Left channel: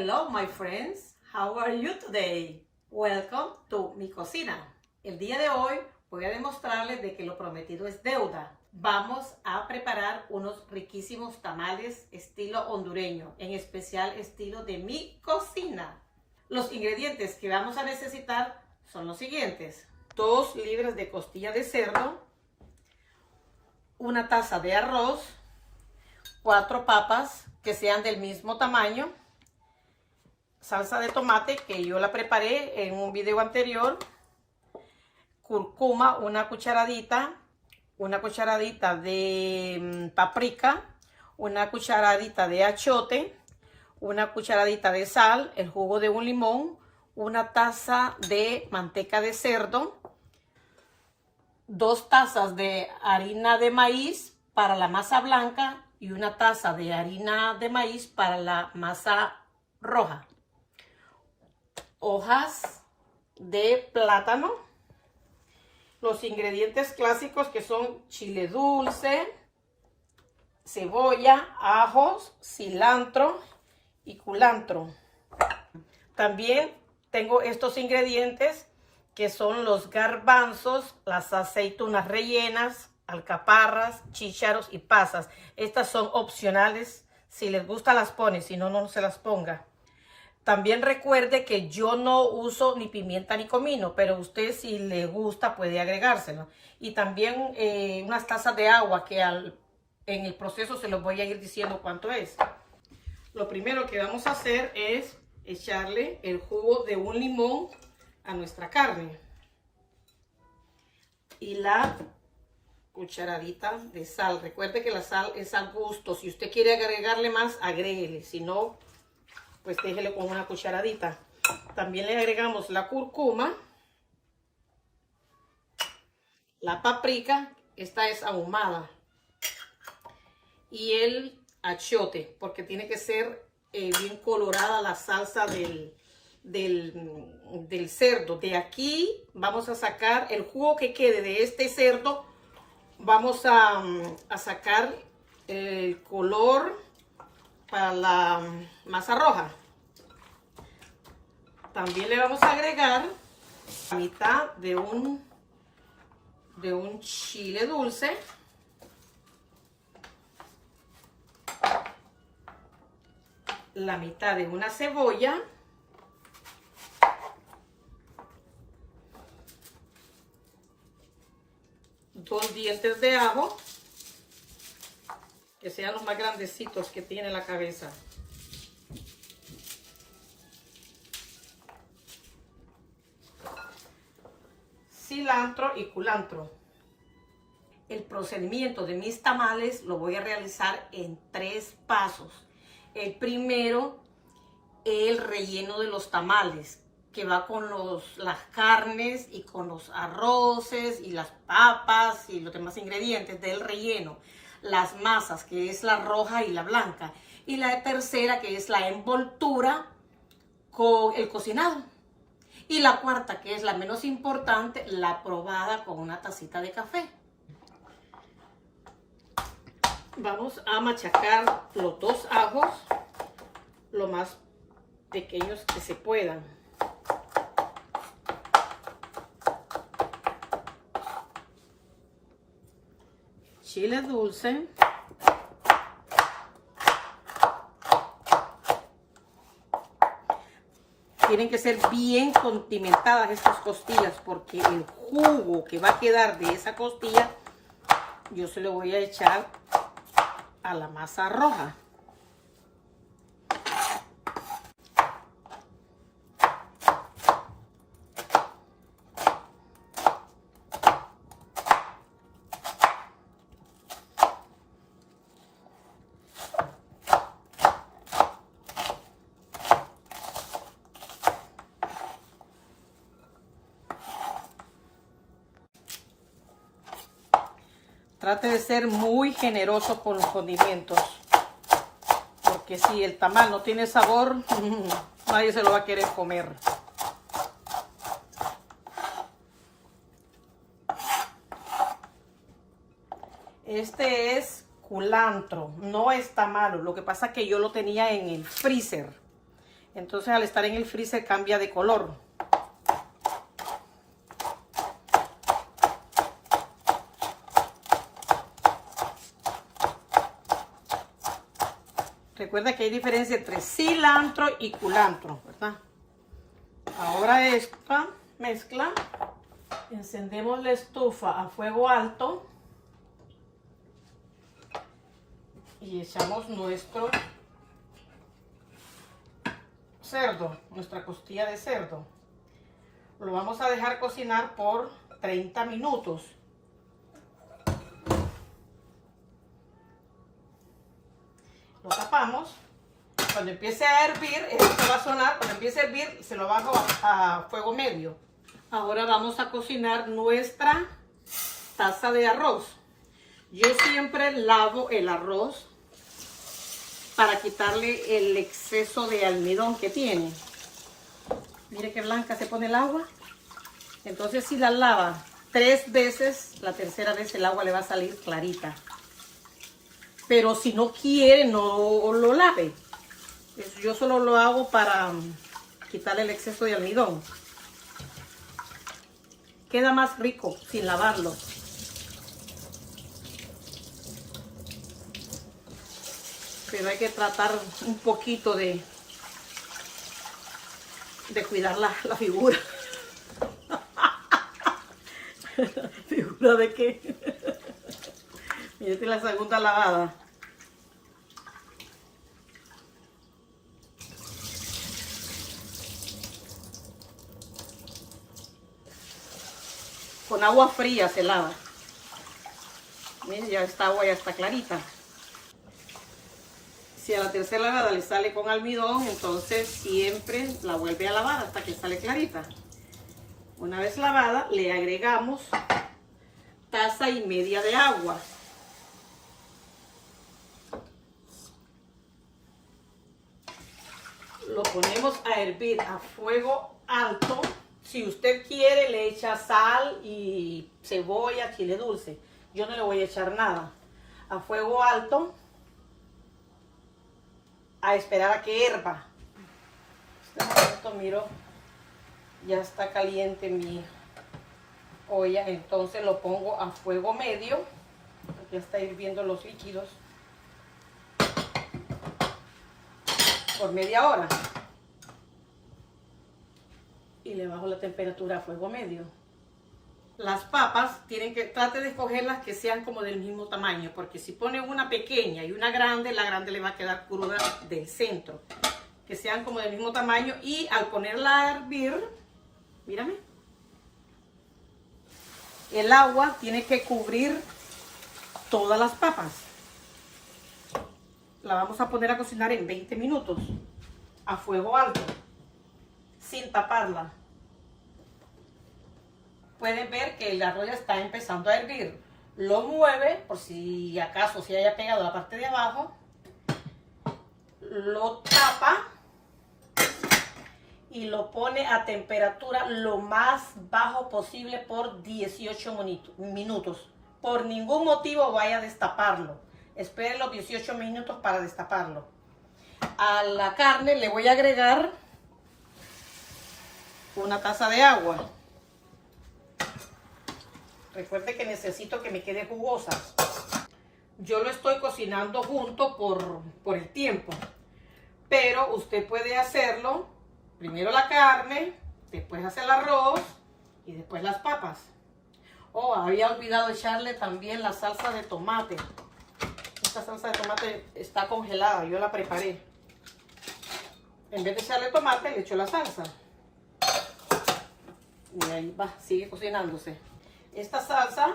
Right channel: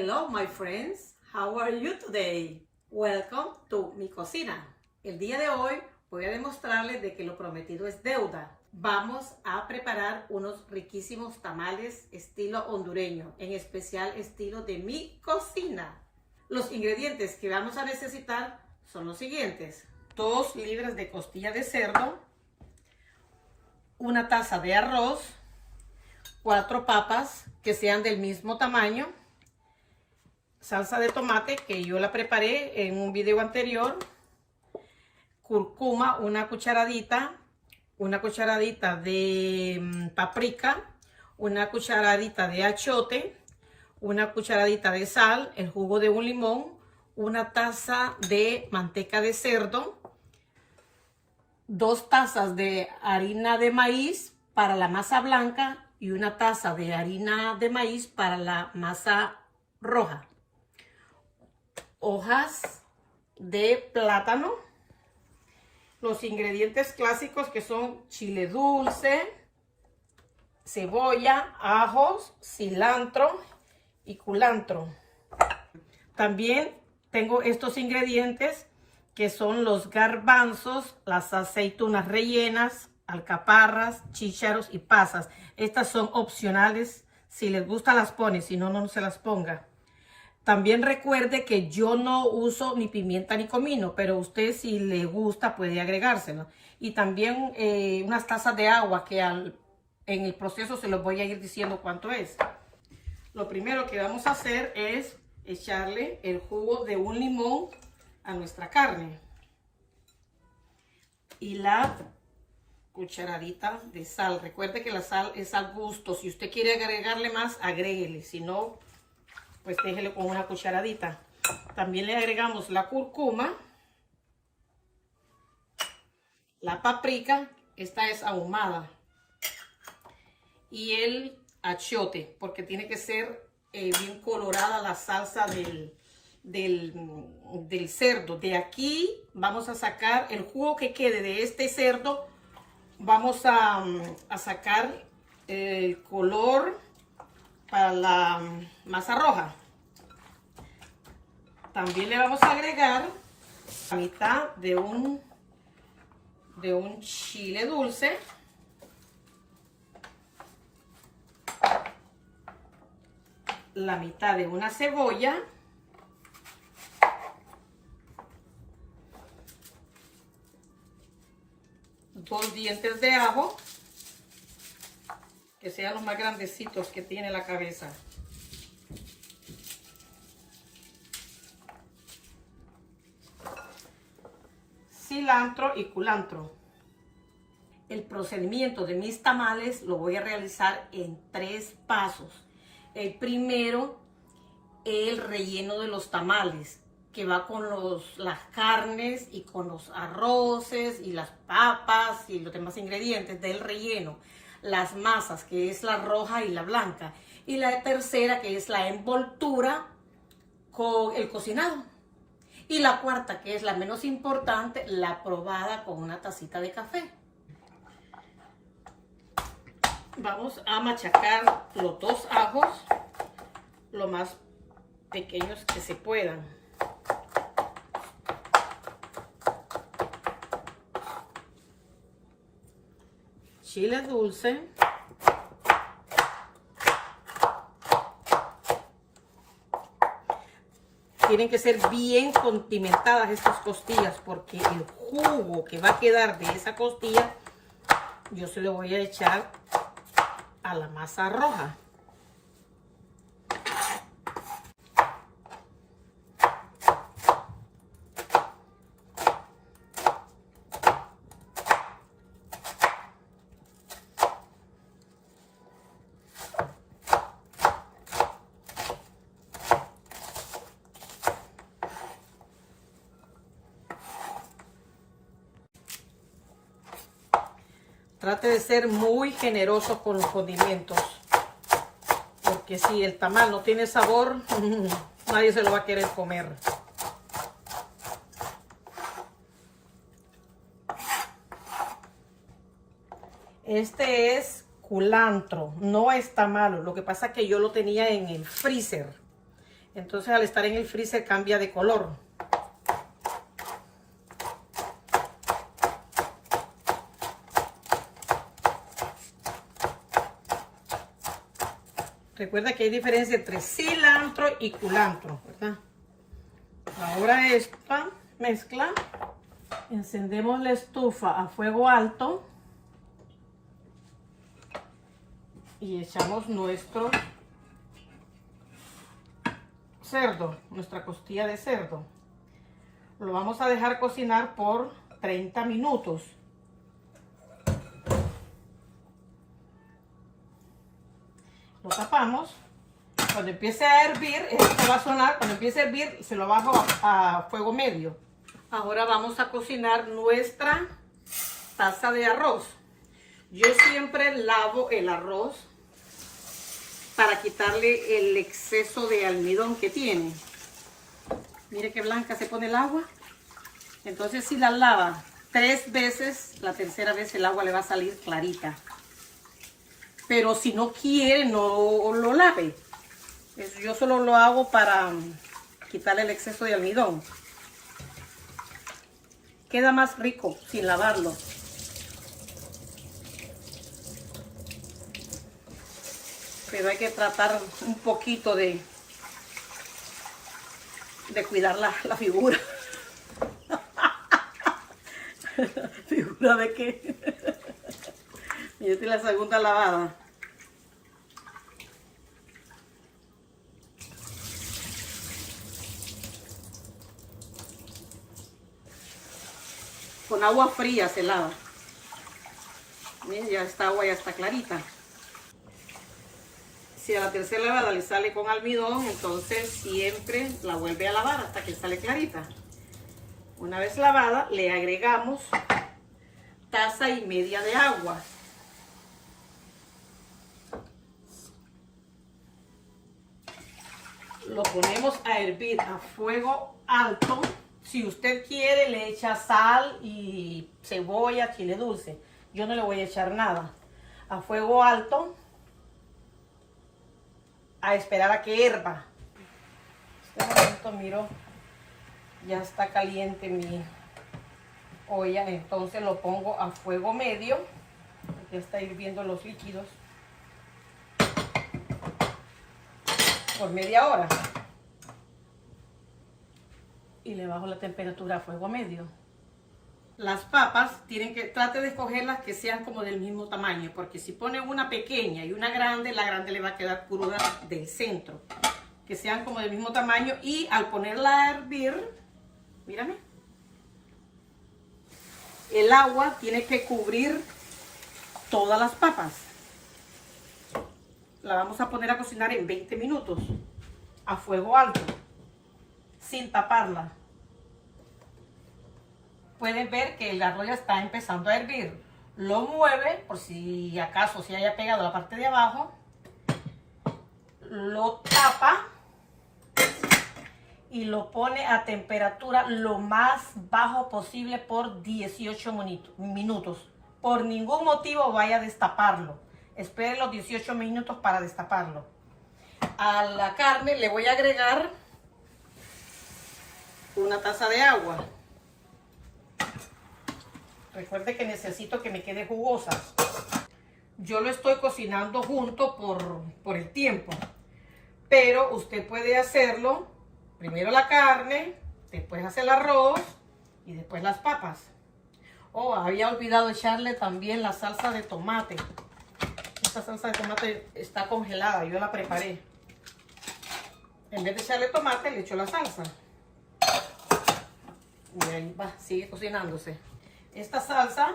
Hello my friends, how are you today? Welcome to mi cocina. El día de hoy voy a demostrarles de que lo prometido es deuda. Vamos a preparar unos riquísimos tamales estilo hondureño, en especial estilo de mi cocina. Los ingredientes que vamos a necesitar son los siguientes: 2 libras de costilla de cerdo, una taza de arroz, 4 papas que sean del mismo tamaño, salsa de tomate que yo la preparé en un video anterior, cúrcuma, una cucharadita de paprika, una cucharadita de achiote, una cucharadita de sal, el jugo de un limón, una taza de manteca de cerdo, 2 tazas de harina de maíz para la masa blanca y una taza de harina de maíz para la masa roja, hojas de plátano, los ingredientes clásicos que son chile dulce, cebolla, ajos, cilantro y culantro. También tengo estos ingredientes que son los garbanzos, las aceitunas rellenas, alcaparras, chícharos y pasas. Estas son opcionales. Si les gusta las pone, si no, no se las ponga. También recuerde que yo no uso ni pimienta ni comino, pero usted si le gusta puede agregárselo. Y también unas tazas de agua que en el proceso se los voy a ir diciendo cuánto es. Lo primero que vamos a hacer es echarle el jugo de un limón a nuestra carne. Y la cucharadita de sal. Recuerde que la sal es al gusto. Si usted quiere agregarle más, agréguele. Si no, pues déjele con una cucharadita. También le agregamos la cúrcuma, la paprika, esta es ahumada, y el achiote, porque tiene que ser bien colorada la salsa del cerdo. De aquí vamos a sacar el jugo que quede de este cerdo. Vamos a sacar el color para la masa roja. También le vamos a agregar la mitad de un chile dulce, la mitad de una cebolla, dos dientes de ajo, que sean los más grandecitos que tiene la cabeza. Cilantro y culantro. El procedimiento de mis tamales lo voy a realizar en 3 pasos. El primero, el relleno de los tamales, que va con las carnes y con los arroces y las papas y los demás ingredientes del relleno. Las masas, que es la roja y la blanca, y la tercera, que es la envoltura con el cocinado, y la cuarta, que es la menos importante, la probada con una tacita de café. Vamos a machacar los 2 ajos lo más pequeños que se puedan. Chile dulce, tienen que ser bien condimentadas estas costillas, porque el jugo que va a quedar de esa costilla yo se lo voy a echar a la masa roja. Trate de ser muy generoso con los condimentos, porque si el tamal no tiene sabor, nadie se lo va a querer comer. Este es culantro, no está malo. Lo que pasa es que yo lo tenía en el freezer. Entonces al estar en el freezer cambia de color. Recuerda que hay diferencia entre cilantro y culantro, ¿verdad? Ahora esta mezcla, encendemos la estufa a fuego alto y echamos nuestro cerdo, nuestra costilla de cerdo. Lo vamos a dejar cocinar por 30 minutos. Lo tapamos. Cuando empiece a hervir, esto va a sonar. Cuando empiece a hervir, se lo bajo a fuego medio. Ahora vamos a cocinar nuestra taza de arroz. Yo siempre lavo el arroz para quitarle el exceso de almidón que tiene. Mire qué blanca se pone el agua. Entonces si la lava 3 veces, la tercera vez el agua le va a salir clarita. Pero si no quiere, no lo lave. Yo solo lo hago para quitarle el exceso de almidón. Queda más rico sin lavarlo. Pero hay que tratar un poquito de cuidar la figura. ¿Figura de qué? Y esta es la segunda lavada. Con agua fría se lava. Miren, ya esta agua ya está clarita. Si a la tercera lavada le sale con almidón, entonces siempre la vuelve a lavar hasta que sale clarita. Una vez lavada, le agregamos 1,5 tazas de agua. Lo ponemos a hervir a fuego alto. Si usted quiere, le echa sal y cebolla, chile dulce. Yo no le voy a echar nada. A fuego alto, a esperar a que hierva. Este momento miro, ya está caliente mi olla, entonces lo pongo a fuego medio. Ya está hirviendo los líquidos por media hora. Y le bajo la temperatura a fuego medio. Las papas trate de escogerlas que sean como del mismo tamaño, porque si pone una pequeña y una grande, la grande le va a quedar cruda del centro. Que sean como del mismo tamaño, y al ponerla a hervir, mírame, el agua tiene que cubrir todas las papas. La vamos a poner a cocinar en 20 minutos a fuego alto, sin taparla. Pueden ver que el arroz ya está empezando a hervir. Lo mueve por si acaso se haya pegado la parte de abajo. Lo tapa y lo pone a temperatura lo más bajo posible por 18 minutos. Por ningún motivo vaya a destaparlo. Espere los 18 minutos para destaparlo. A la carne le voy a agregar 1 taza de agua. Recuerde que necesito que me quede jugosa. Yo lo estoy cocinando junto por el tiempo. Pero usted puede hacerlo primero la carne, después hace el arroz y después las papas. Oh, había olvidado echarle también la salsa de tomate. Esta salsa de tomate está congelada, yo la preparé. En vez de echarle tomate, le echo la salsa. Y ahí va, sigue cocinándose. Esta salsa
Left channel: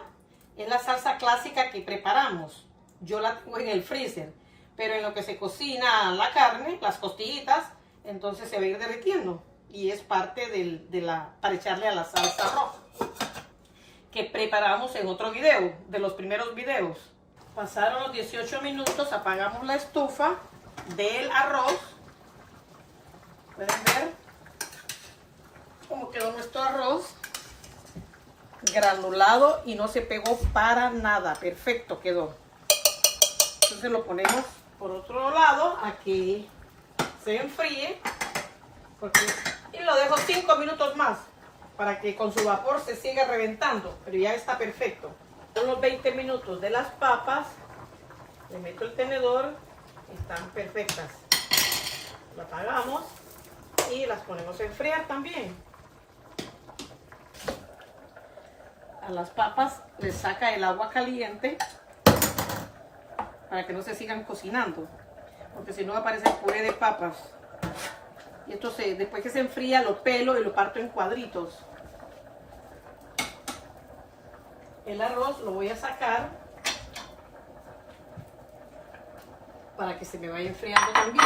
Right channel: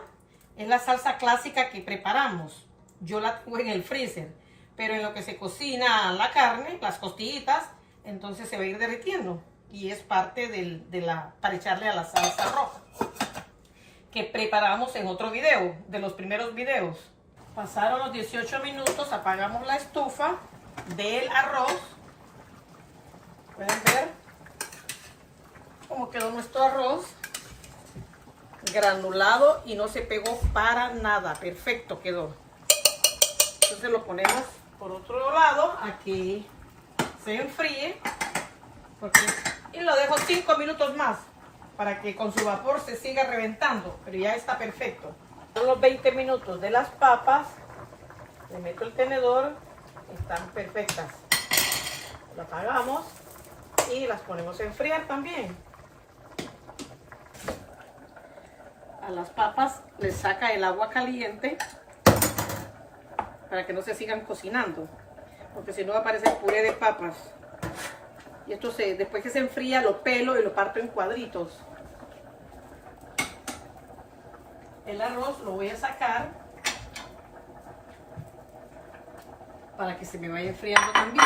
es la salsa clásica que preparamos. Yo la tengo en el freezer. Pero en lo que se cocina la carne, las costillitas, entonces se va a ir derritiendo. Y es parte para echarle a la salsa roja, que preparamos en otro video, de los primeros videos. Pasaron los 18 minutos, apagamos la estufa del arroz. Pueden ver cómo quedó nuestro arroz. Granulado y no se pegó para nada. Perfecto quedó. Entonces lo ponemos por otro lado a que se enfríe. Y lo dejo 5 minutos más para que con su vapor se siga reventando, pero ya está perfecto. Son los 20 minutos de las papas. Le meto el tenedor, están perfectas. Lo apagamos y las ponemos a enfriar también. A las papas les saca el agua caliente para que no se sigan cocinando, porque si no va a parecer puré de papas. Y esto después que se enfría lo pelo y lo parto en cuadritos. El arroz lo voy a sacar para que se me vaya enfriando también.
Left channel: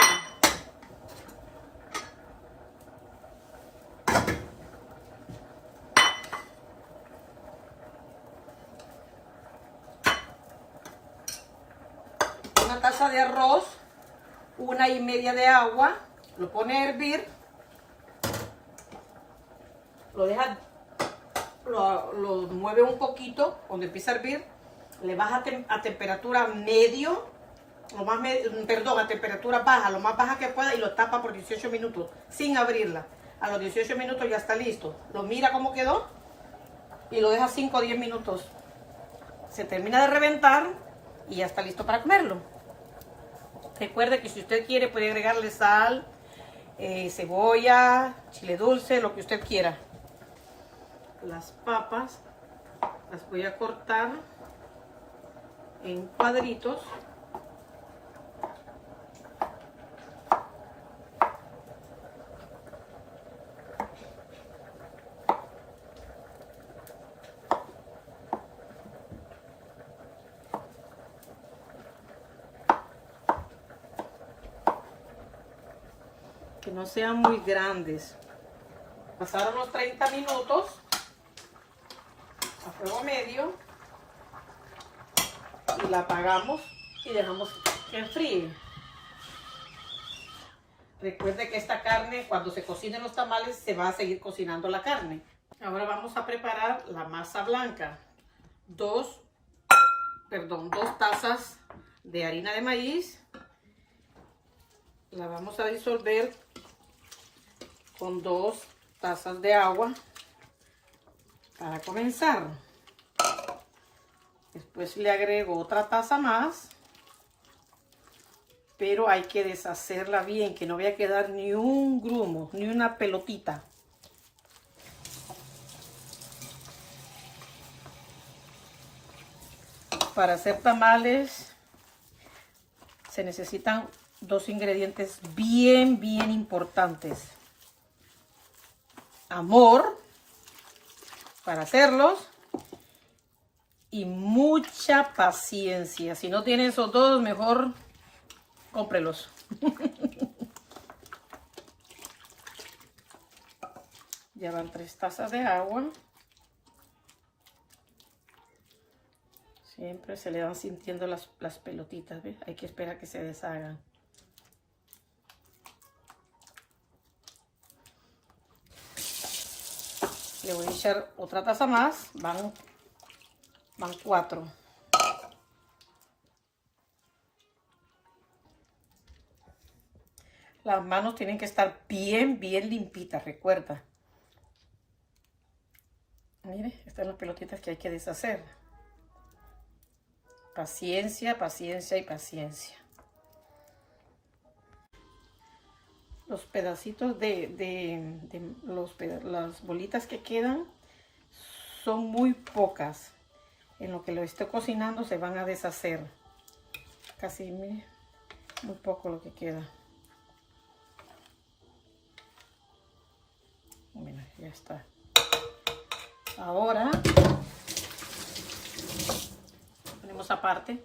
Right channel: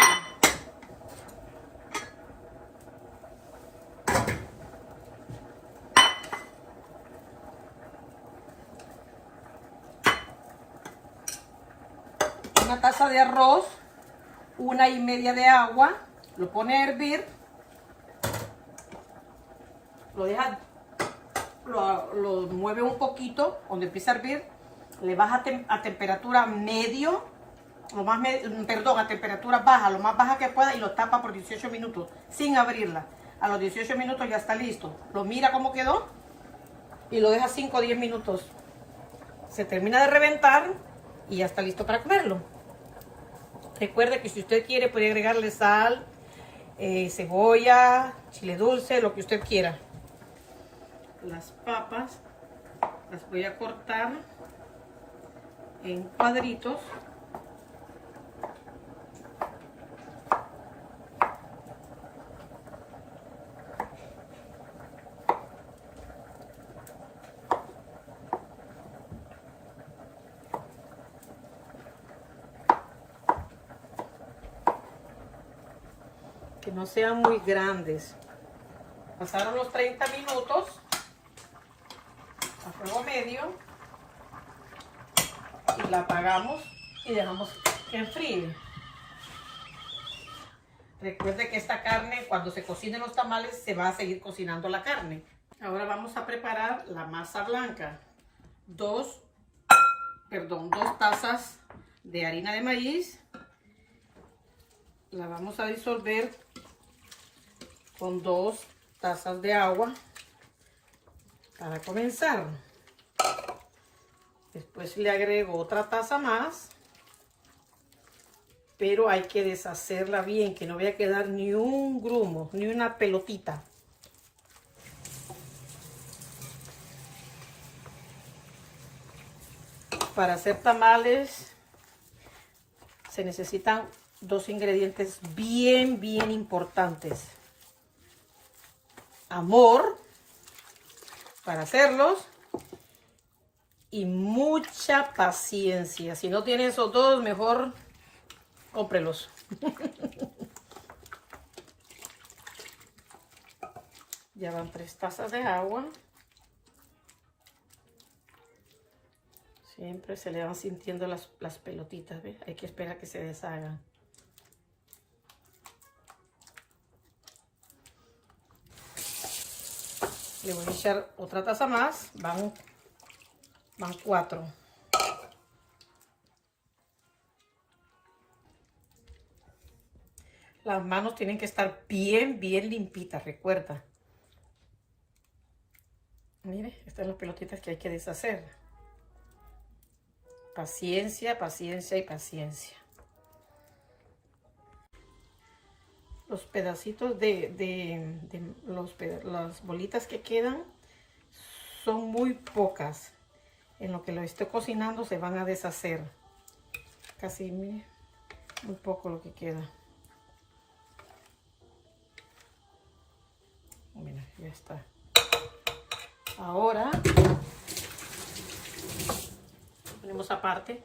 Una taza de arroz, 1,5 de agua, lo pone a hervir, lo deja, lo mueve un poquito, cuando empieza a hervir, le baja a temperatura medio, a temperatura baja, lo más baja que pueda, y lo tapa por 18 minutos, sin abrirla. A los 18 minutos ya está listo. Lo mira cómo quedó y lo deja 5 o 10 minutos. Se termina de reventar y ya está listo para comerlo. Recuerde que si usted quiere puede agregarle sal, cebolla, chile dulce, lo que usted quiera. Las papas las voy a cortar en cuadritos. Que no sean muy grandes. Pasaron los 30 minutos a fuego medio y la apagamos y dejamos que enfríe. Recuerde que esta carne, cuando se cocinen los tamales, se va a seguir cocinando la carne. Ahora vamos a preparar la masa blanca. 2 tazas de harina de maíz. La vamos a disolver con 2 tazas de agua para comenzar. Después le agrego otra taza más, pero hay que deshacerla bien, que no vaya a quedar ni un grumo, ni una pelotita. Para hacer tamales se necesitan 2 ingredientes bien importantes. Amor para hacerlos y mucha paciencia. Si no tiene esos dos, mejor cómprelos. Ya van 3 tazas de agua. Siempre se le van sintiendo las pelotitas, ¿ves? Hay que esperar que se deshagan. Le voy a echar otra taza más. Van 4. Las manos tienen que estar bien limpitas, recuerda. Mire, estas son las pelotitas que hay que deshacer. Paciencia y paciencia. Los pedacitos las bolitas que quedan son muy pocas. En lo que lo estoy cocinando se van a deshacer. Casi muy poco lo que queda. Mira, ya está. Ahora ponemos aparte.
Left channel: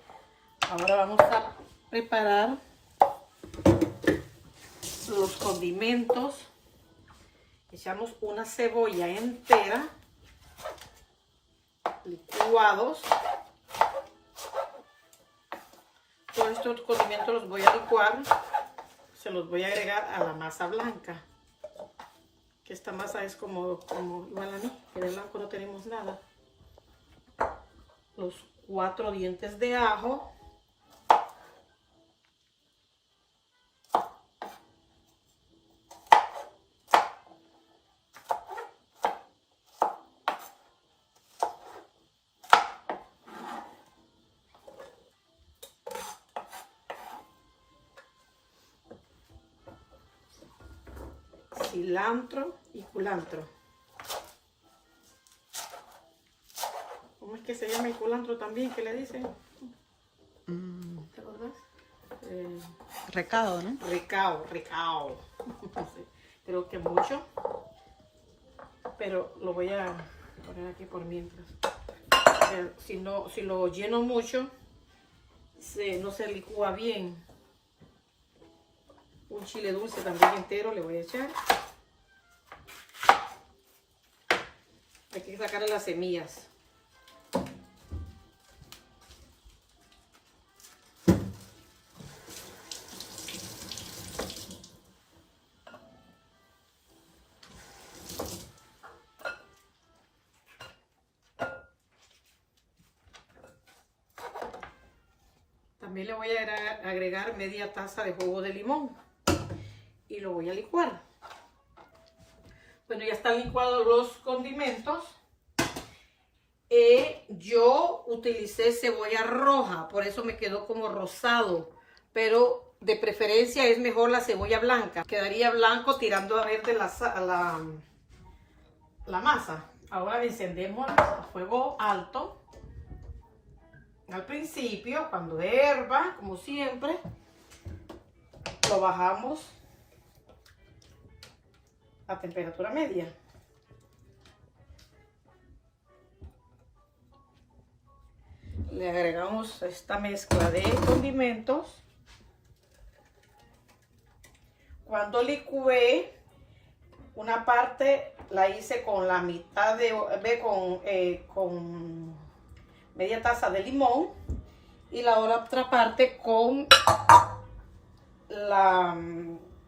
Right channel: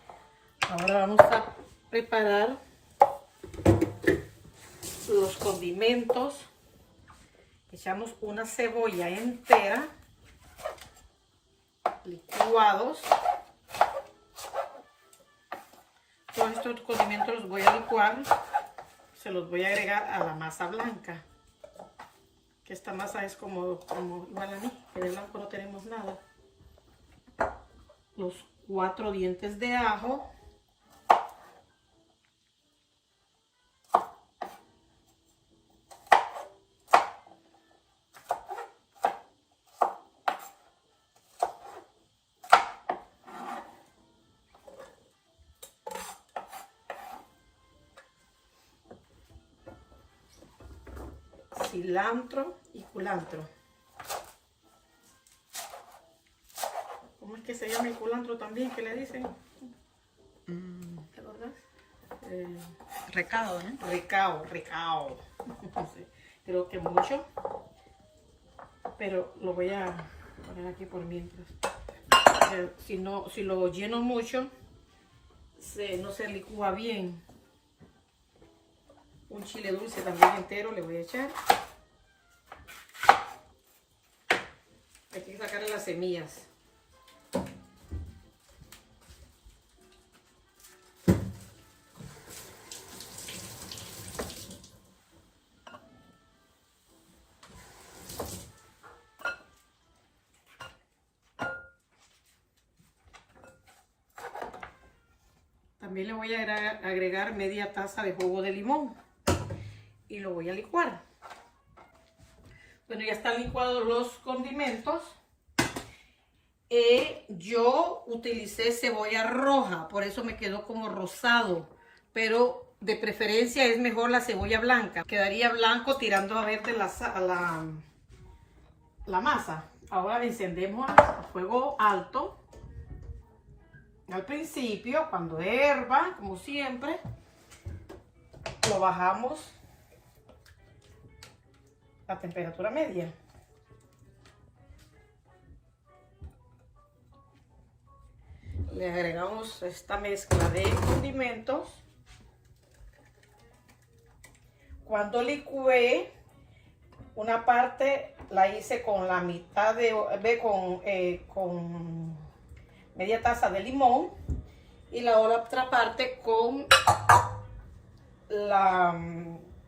Ahora vamos a preparar los condimentos. Echamos una cebolla entera, licuados. Todos estos condimentos los voy a licuar, se los voy a agregar a la masa blanca. Que esta masa es como igual a mí, que de blanco no tenemos nada. Los 4 dientes de ajo. cilantro y culantro. ¿Cómo es que se llama el culantro también? ¿Qué le dicen? ¿Te acordás? Recado, ¿no? Recao. Sí, creo que mucho. Pero lo voy a poner aquí por mientras. Si lo lleno mucho, no se licúa bien. Un chile dulce también entero le voy a echar. Hay que sacarle las semillas. También le voy a agregar media taza de jugo de limón y lo voy a licuar. Bueno, ya están licuados los condimentos. Yo utilicé cebolla roja, por eso me quedó como rosado, pero de preferencia es mejor la cebolla blanca. Quedaría blanco tirando a verde la masa. Ahora encendemos a fuego alto. Al principio, cuando hierva, como siempre, lo bajamos a temperatura media. Le agregamos esta mezcla de condimentos. Cuando licué, una parte la hice con la mitad con media taza de limón y la otra parte con la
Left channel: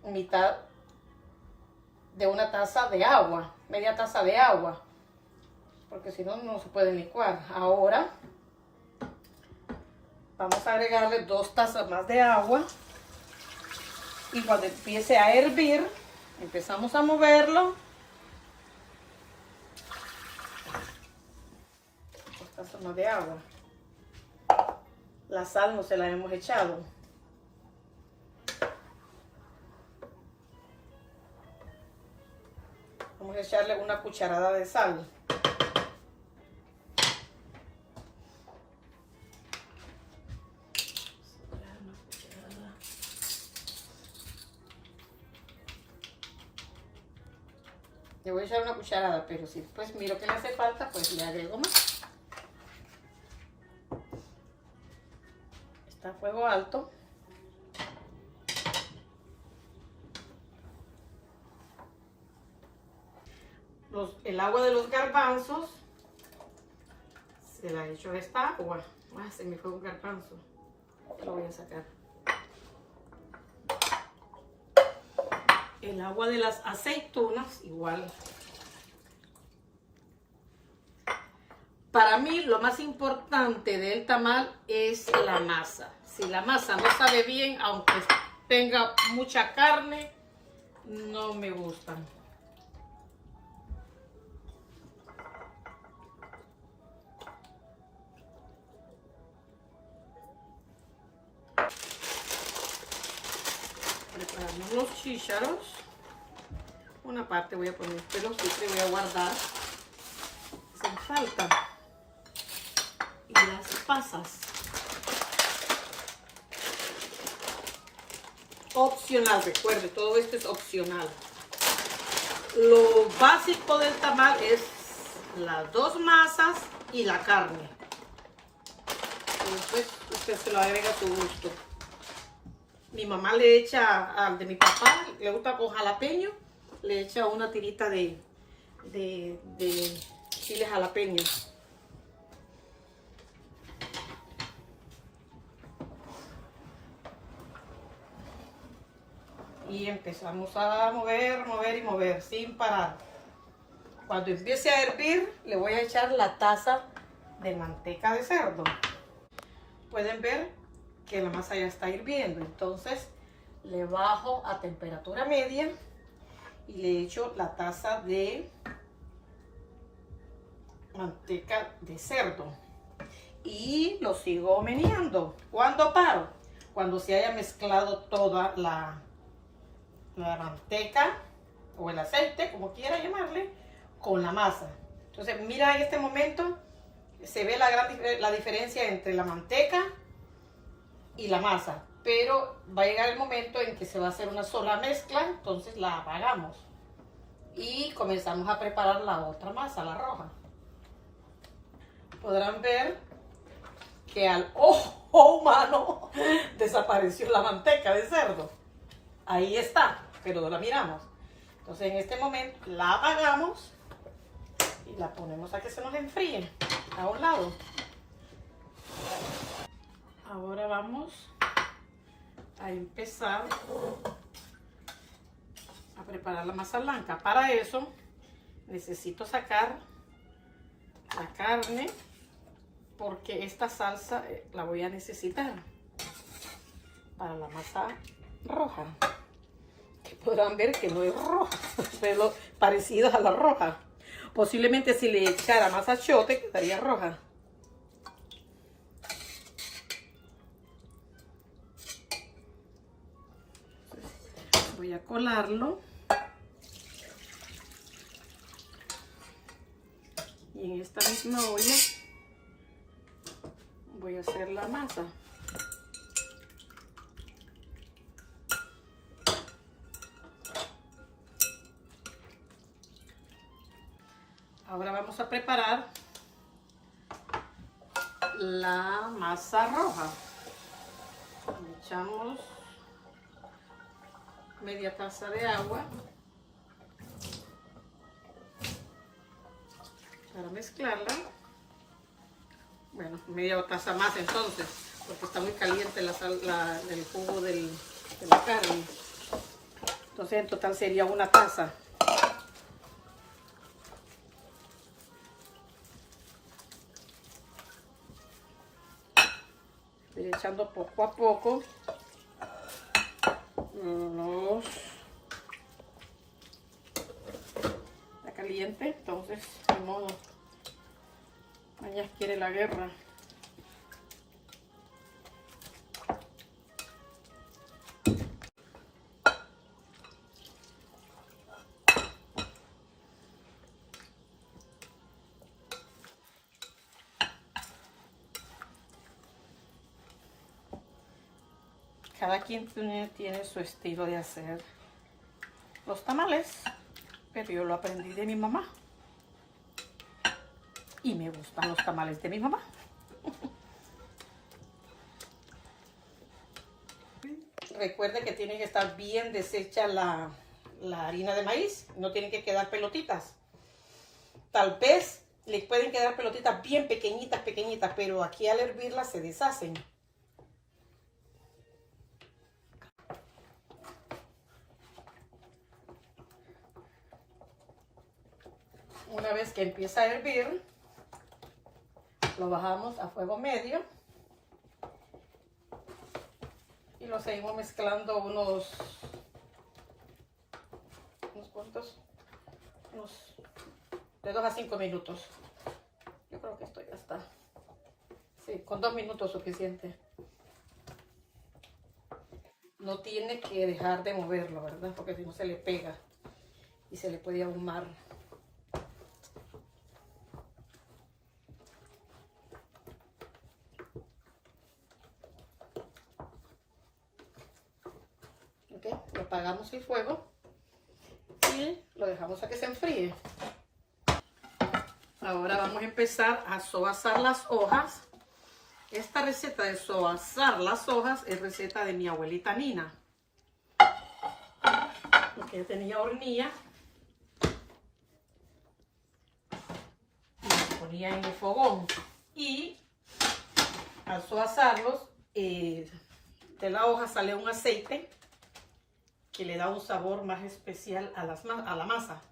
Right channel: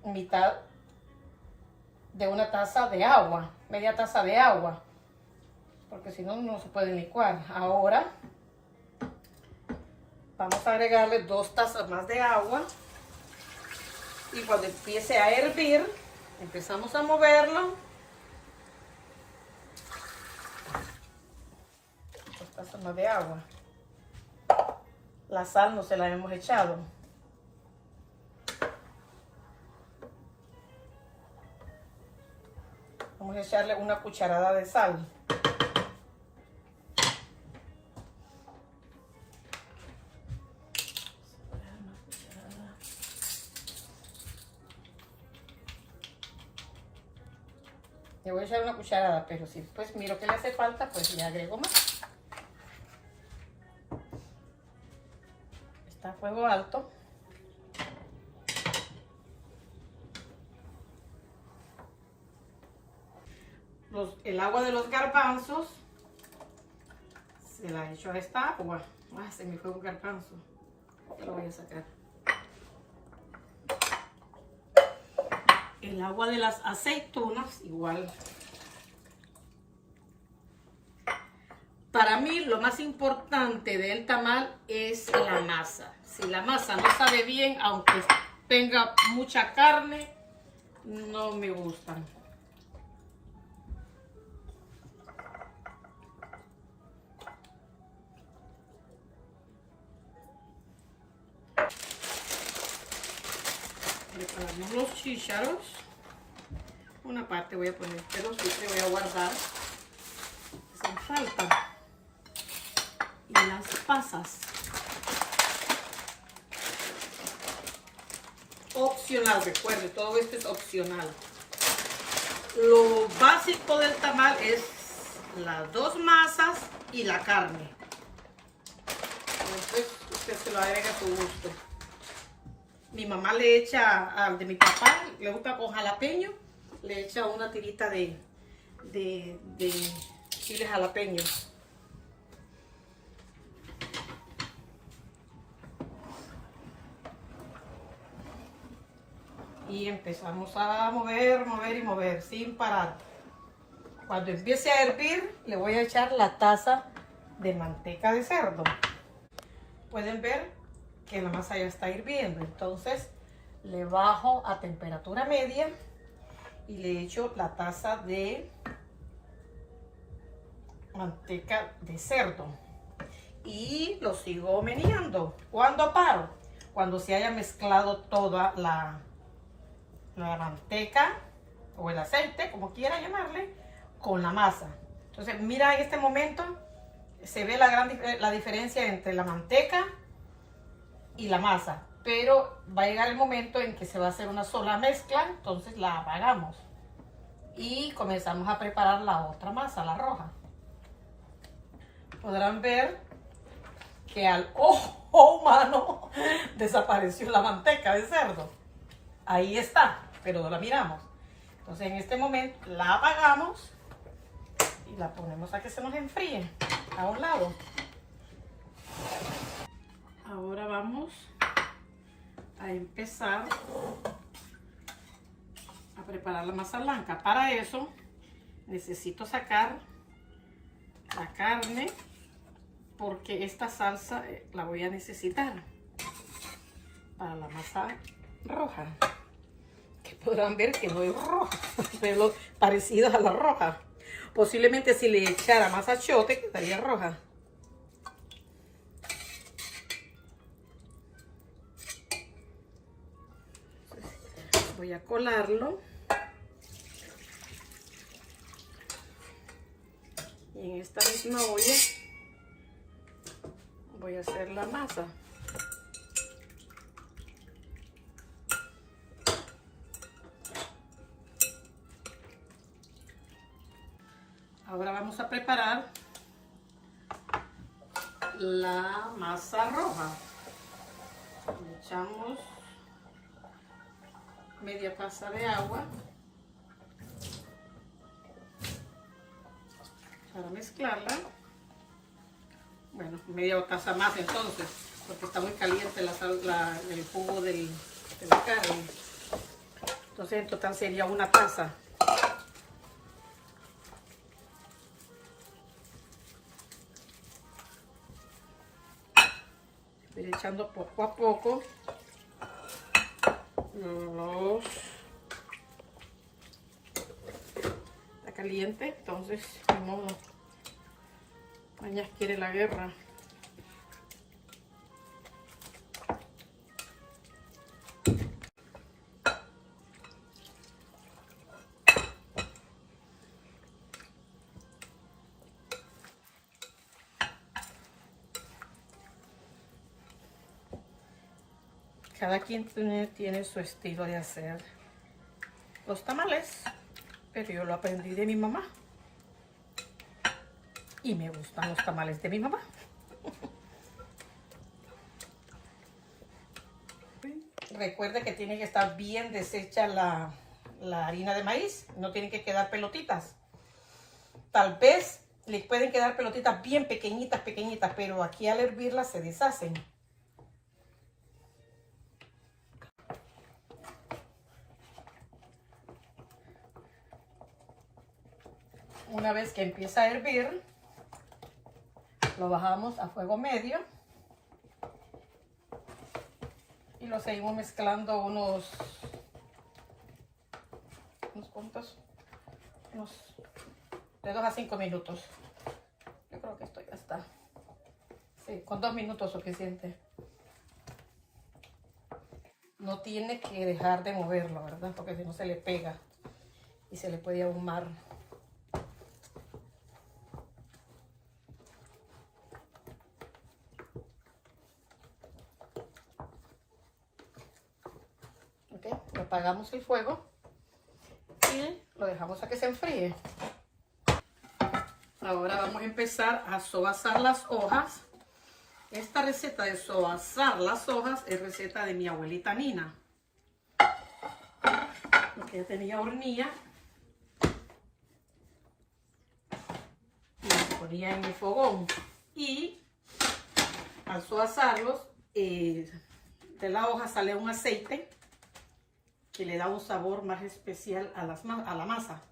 mitad de una taza de agua, media taza de agua, porque si no, no se puede licuar. Ahora vamos a agregarle 2 tazas más de agua y cuando empiece a hervir, empezamos a moverlo. 2 tazas más de agua. La sal no se la hemos echado. Vamos a echarle una cucharada de sal. Le voy a echar una cucharada, pero si después miro que le hace falta, pues le agrego más. Está a fuego alto. El agua de los garbanzos se la echo a esta agua. Se me fue un garbanzo. Lo voy a sacar. El agua de las aceitunas, igual. Para mí, lo más importante del tamal es la masa. Si la masa no sabe bien, aunque tenga mucha carne, no me gustan. Preparamos los chícharos. Una parte voy a poner, pero sí que voy a guardar. Hacen falta. Y las pasas. Opcional, recuerde, todo esto es opcional. Lo básico del tamal es las 2 masas y la carne. Entonces usted se lo agrega a su gusto. Mi mamá le echa, al de mi papá, le gusta con jalapeño, le echa una tirita de chile jalapeño. Y empezamos a mover sin parar. Cuando empiece a hervir, le voy a echar la taza de manteca de cerdo. Pueden ver que la masa ya está hirviendo, entonces le bajo a temperatura media y le echo la taza de manteca de cerdo y lo sigo meneando. ¿Cuándo paro? Cuando se haya mezclado toda la manteca o el aceite, como quiera llamarle, con la masa. Entonces mira, en este momento se ve la diferencia entre la manteca y la masa, pero va a llegar el momento en que se va a hacer una sola mezcla, entonces la apagamos y comenzamos a preparar la otra masa, la roja. Podrán ver que al ojo humano desapareció la manteca de cerdo. Ahí está, pero no la miramos. Entonces en este momento la apagamos y la ponemos a que se nos enfríe a un lado. Ahora vamos a empezar a preparar la masa blanca. Para eso necesito sacar la carne, porque esta salsa la voy a necesitar para la masa roja, que podrán ver que no es roja, pero parecida a la roja. Posiblemente si le echara más achiote quedaría roja. Voy a colarlo y en esta misma olla voy a hacer la masa. Ahora vamos a preparar la masa roja. Le echamos media taza de agua para mezclarla. Bueno, media taza más entonces, porque está muy caliente el jugo de la carne. Entonces en total sería una taza. Estoy echando poco a poco Está caliente, entonces de modo mañana quiere la guerra. Cada quien tiene su estilo de hacer los tamales, pero yo lo aprendí de mi mamá y me gustan los tamales de mi mamá. Recuerde que tiene que estar bien deshecha la harina de maíz, no tienen que quedar pelotitas. Tal vez le pueden quedar pelotitas bien pequeñitas, pero aquí al hervirlas se deshacen. Una vez que empieza a hervir, lo bajamos a fuego medio y lo seguimos mezclando unos de 2 a 5 minutos. Yo creo que esto ya está. Sí, con 2 minutos suficiente. No tiene que dejar de moverlo, ¿verdad? Porque si no se le pega y se le puede ahumar. Lo apagamos el fuego y lo dejamos a que se enfríe. Ahora vamos a empezar a soazar las hojas. Esta receta de soazar las hojas es receta de mi abuelita Nina, porque tenía hornilla y los ponía en el fogón, y al soazarlos de la hoja sale un aceite que le da un sabor más especial a la masa.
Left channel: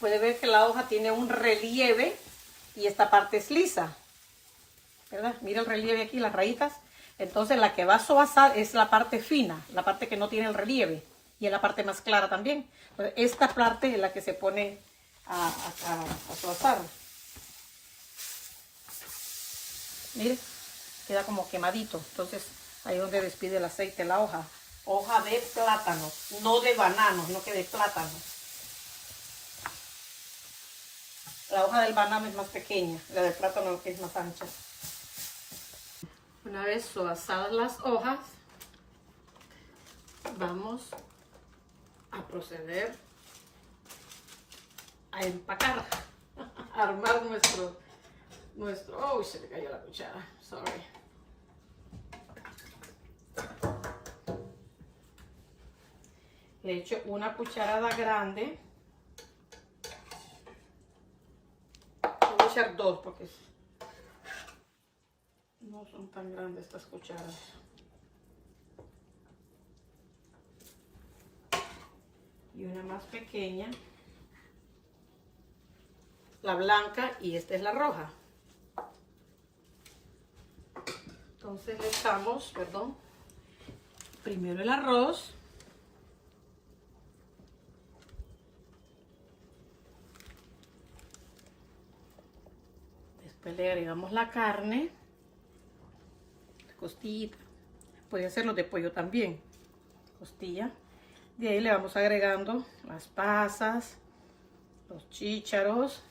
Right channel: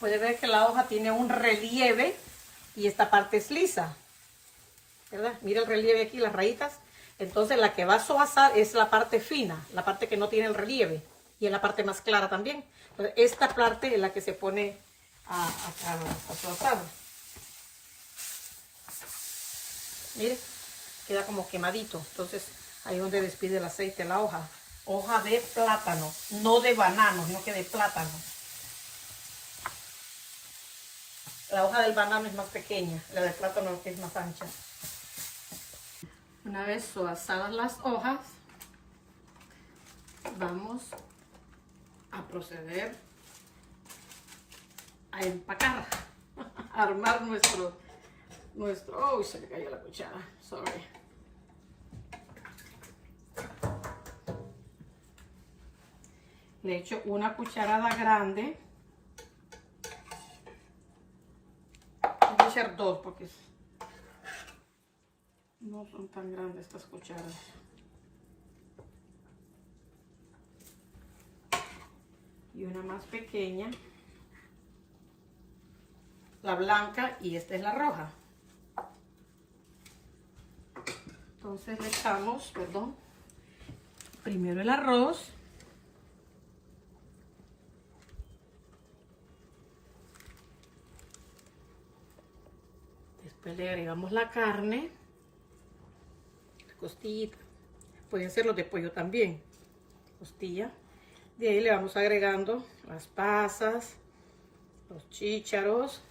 Puede ver que la hoja tiene un relieve y esta parte es lisa, ¿verdad? Mira el relieve aquí, las rayitas. Entonces la que va a soazar es la parte fina, la parte que no tiene el relieve, y es la parte más clara también. Entonces, esta parte es la que se pone a soazar. Mire, queda como quemadito. Entonces ahí es donde despide el aceite la hoja. Hoja de plátano, no de banano, no que de plátano. La hoja del banano es más pequeña, la del plátano es más ancha. Una vez suazadas las hojas, vamos a proceder a empacar, a armar nuestro, oh, se me cayó la cuchara, sorry. Le echo una cucharada grande. Voy a echar dos porque no son tan grandes estas cucharas. Y una más pequeña. La blanca y esta es la roja. Entonces le echamos, perdón, primero el arroz. Después le agregamos la carne, la costillita. Puede hacerlo de pollo también, costilla. De ahí le vamos agregando las pasas, los chícharos,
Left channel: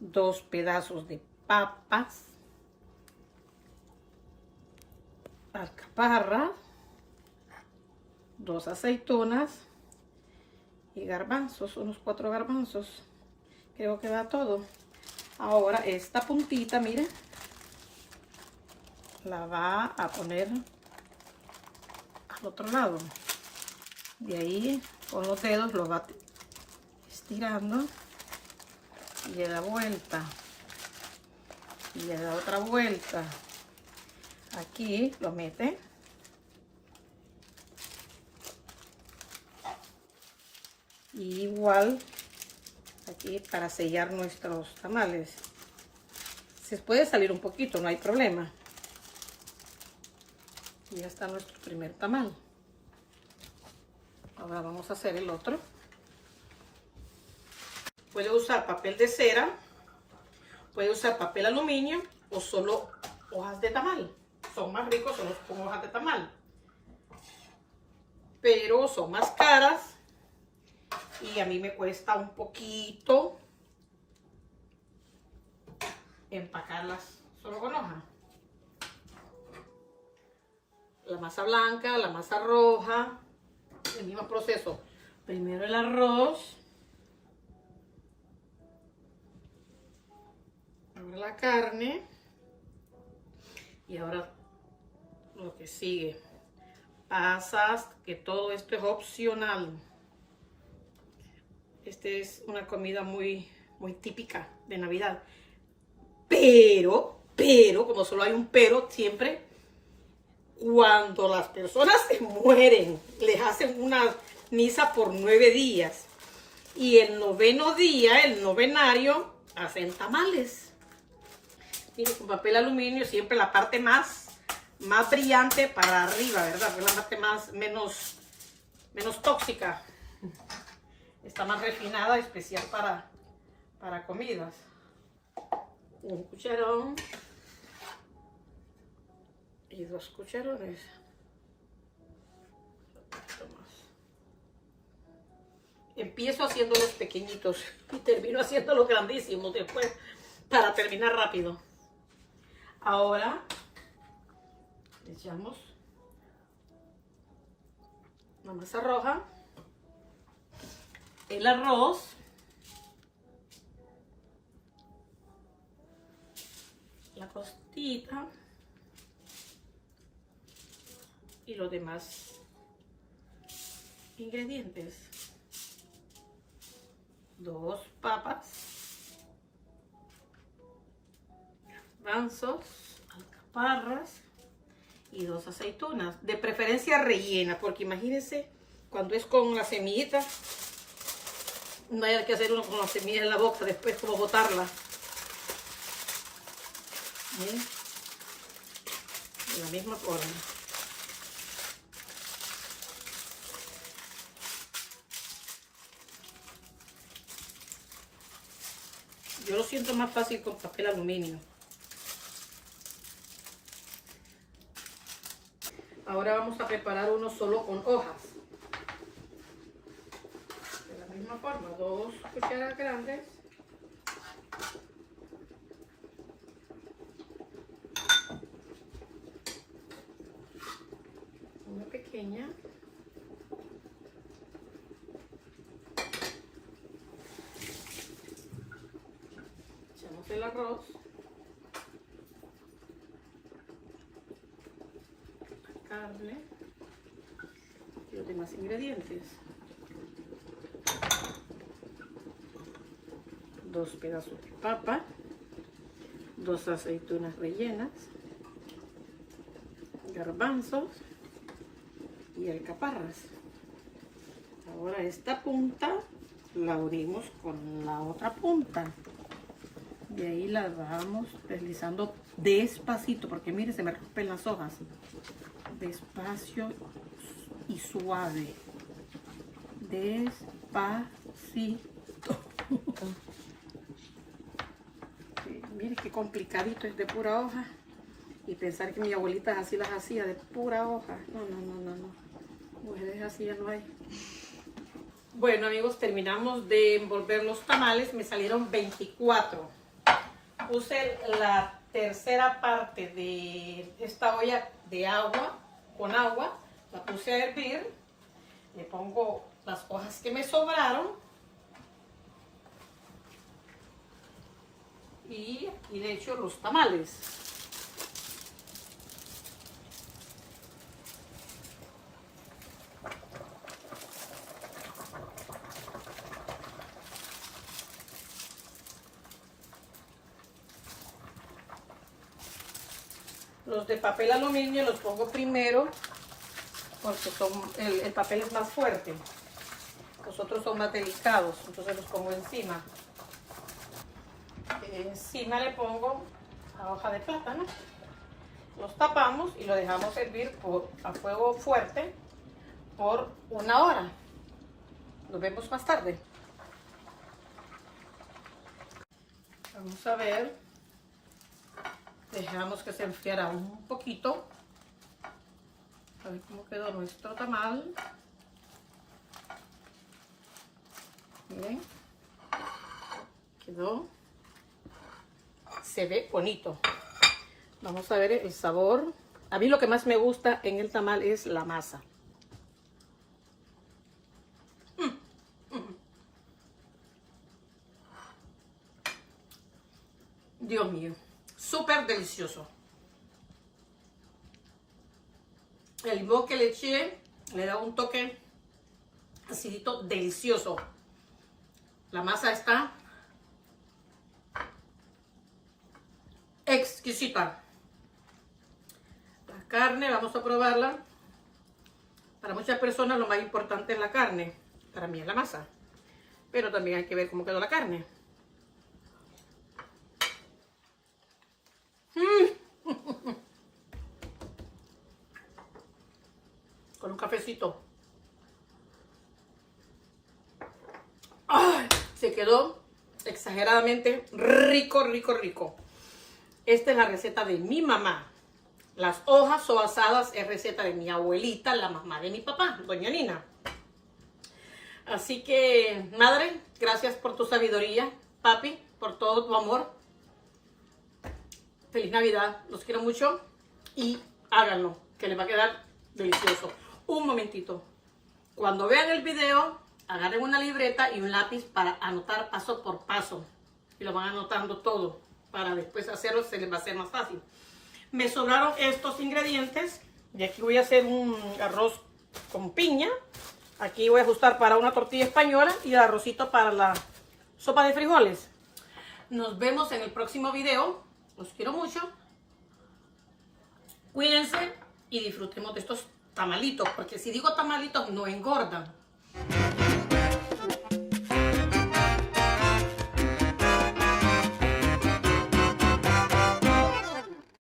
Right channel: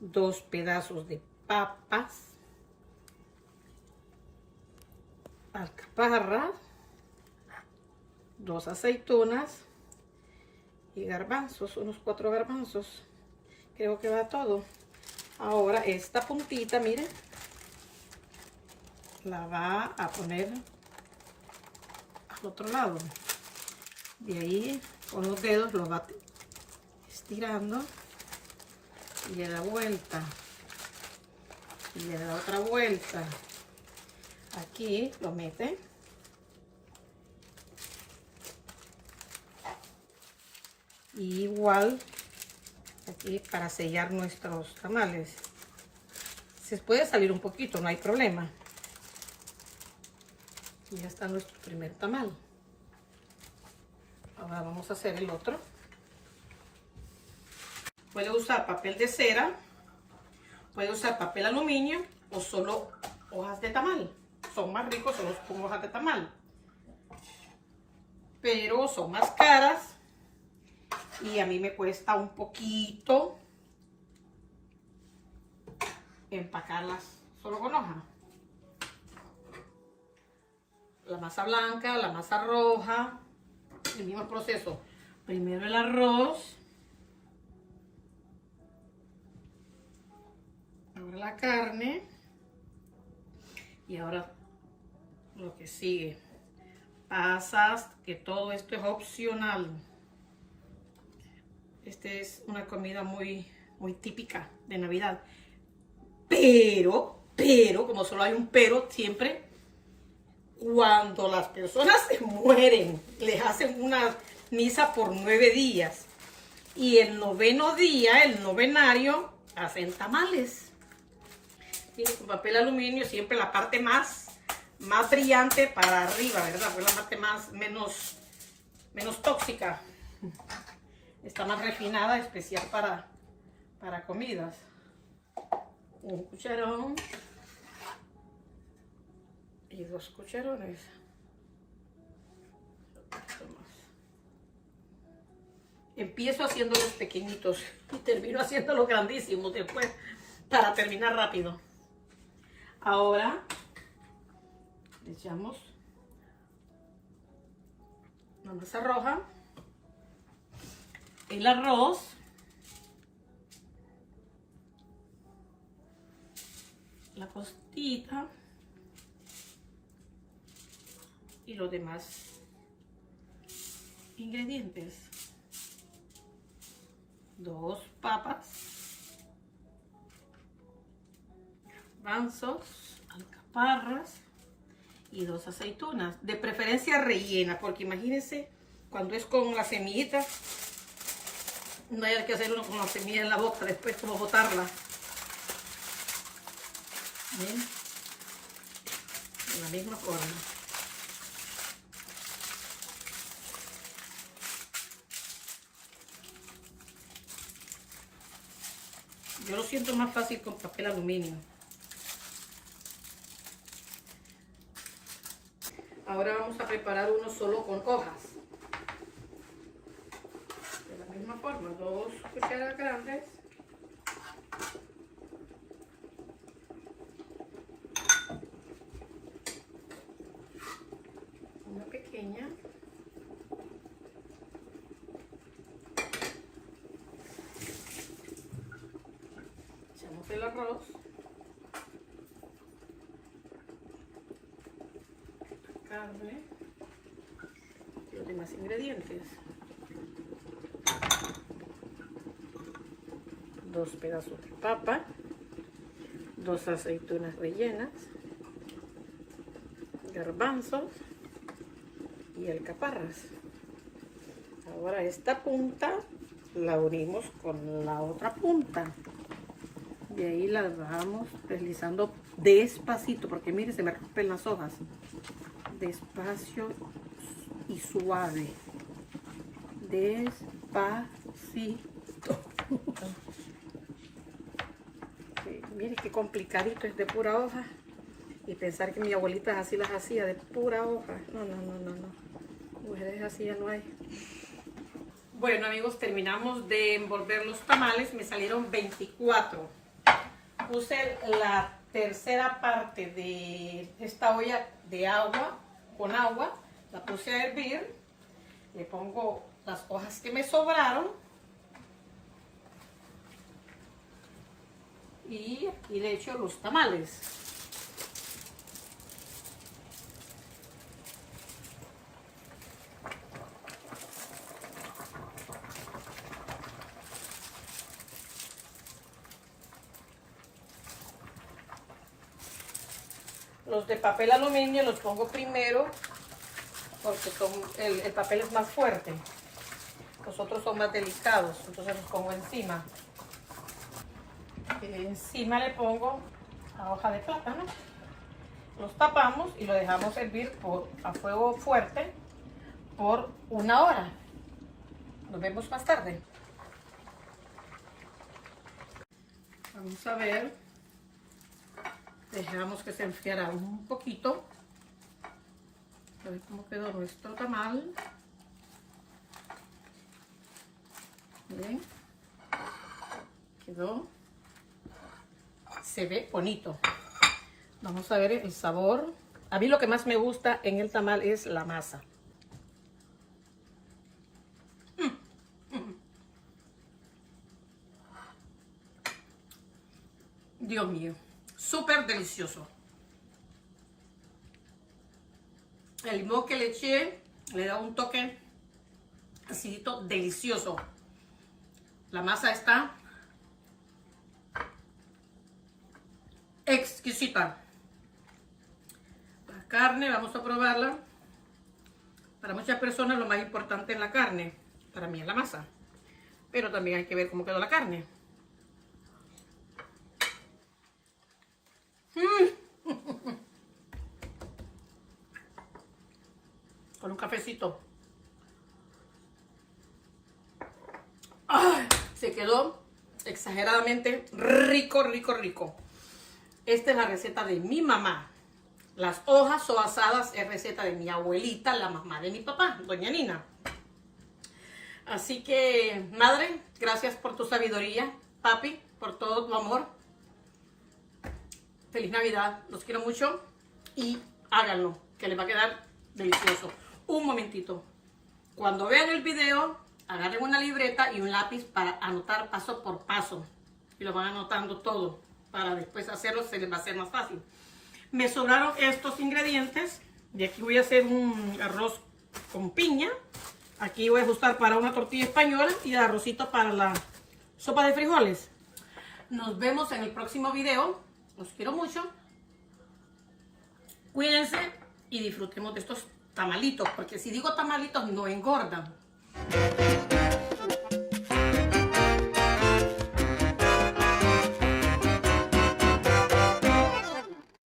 2 pedazos de papas, alcaparras, 2 aceitunas y garbanzos, unos 4 garbanzos. Creo que va todo. Ahora esta puntita, miren, la va a poner al otro lado. De ahí con los dedos lo va estirando y le da vuelta. Y le da otra vuelta. Aquí lo mete. Y igual aquí para sellar nuestros tamales. Se puede salir un poquito, no hay problema. Y ya está nuestro primer tamal. Ahora vamos a hacer el otro. Puede usar papel de cera, puede usar papel aluminio o solo hojas de tamal. Son más ricos solo con hojas de tamal, pero son más caras y a mí me cuesta un poquito empacarlas solo con hoja. La masa blanca, la masa roja, el mismo proceso. Primero el arroz, ahora la carne y ahora lo que sigue, pasas, que todo esto es opcional. Esta es una comida muy típica de Navidad, pero como solo hay un pero siempre, cuando las personas se mueren, les hacen una misa por 9 días y el 9º día, el novenario, hacen tamales. Miren, con papel aluminio, siempre la parte más brillante para arriba, ¿verdad? Pues la parte menos tóxica. Está más refinada, especial para comidas. Un cucharón y 2 cucharones. Empiezo haciéndolos pequeñitos y termino haciéndolos grandísimos después para terminar rápido. Ahora le echamos la masa roja, el arroz, la costita y los demás ingredientes. 2 papas, garbanzos, alcaparras y 2 aceitunas, de preferencia rellena, porque imagínense cuando es con la semillita, no hay que hacer uno con la semilla en la boca, después como botarla. De la misma forma. Yo lo siento más fácil con papel aluminio. Ahora vamos a preparar uno solo con hojas. De la misma forma, 2 cucharas grandes piña. Echamos el arroz. Carne. Y los demás ingredientes. 2 pedazos de papa. 2 aceitunas rellenas. Garbanzos. Y alcaparras. Ahora esta punta la unimos con la otra punta. Y ahí la vamos deslizando despacito, porque miren, se me rompen las hojas. Despacio y suave. Despacito. Miren qué complicadito es de pura hoja. Y pensar que mi abuelita así las hacía, de pura hoja. No. Mujeres así ya no hay. Bueno, amigos, terminamos de envolver los tamales. Me salieron 24. Puse la tercera parte de esta olla de agua, con agua. La puse a hervir. Le pongo las hojas que me sobraron. Y aquí le echo los tamales. Los de papel aluminio los pongo primero porque el papel es más fuerte. Los otros son más delicados, entonces los pongo encima. Encima le pongo la hoja de plátano. Los tapamos y lo dejamos hervir a fuego fuerte por 1 hora. Nos vemos más tarde. Vamos a ver. Dejamos que se enfriara un poquito. A ver cómo quedó nuestro tamal. Miren. Quedó. Se ve bonito. Vamos a ver el sabor. A mí lo que más me gusta en el tamal es la masa. Dios mío. Súper delicioso. El limón que le eché le da un toque acidito delicioso. La masa está exquisita. La carne, vamos a probarla. Para muchas personas lo más importante es la carne. Para mí es la masa. Pero también hay que ver cómo quedó la carne. Con un cafecito. ¡Ay! Se quedó exageradamente rico. Esta es la receta de mi mamá. Las hojas o asadas es receta de mi abuelita, la mamá de mi papá, doña Nina. Así que, madre, gracias por tu sabiduría. Papi, por todo tu amor. Feliz Navidad. Los quiero mucho. Y háganlo, que les va a quedar delicioso. Un momentito. Cuando vean el video, agarren una libreta y un lápiz para anotar paso por paso. Y lo van anotando todo. Para después hacerlo, se les va a hacer más fácil. Me sobraron estos ingredientes. Y aquí voy a hacer un arroz con piña. Aquí voy a ajustar para una tortilla española y el arrocito para la sopa de frijoles. Nos vemos en el próximo video. Los quiero mucho. Cuídense y disfrutemos de estos tamalitos, porque si digo tamalitos no engordan.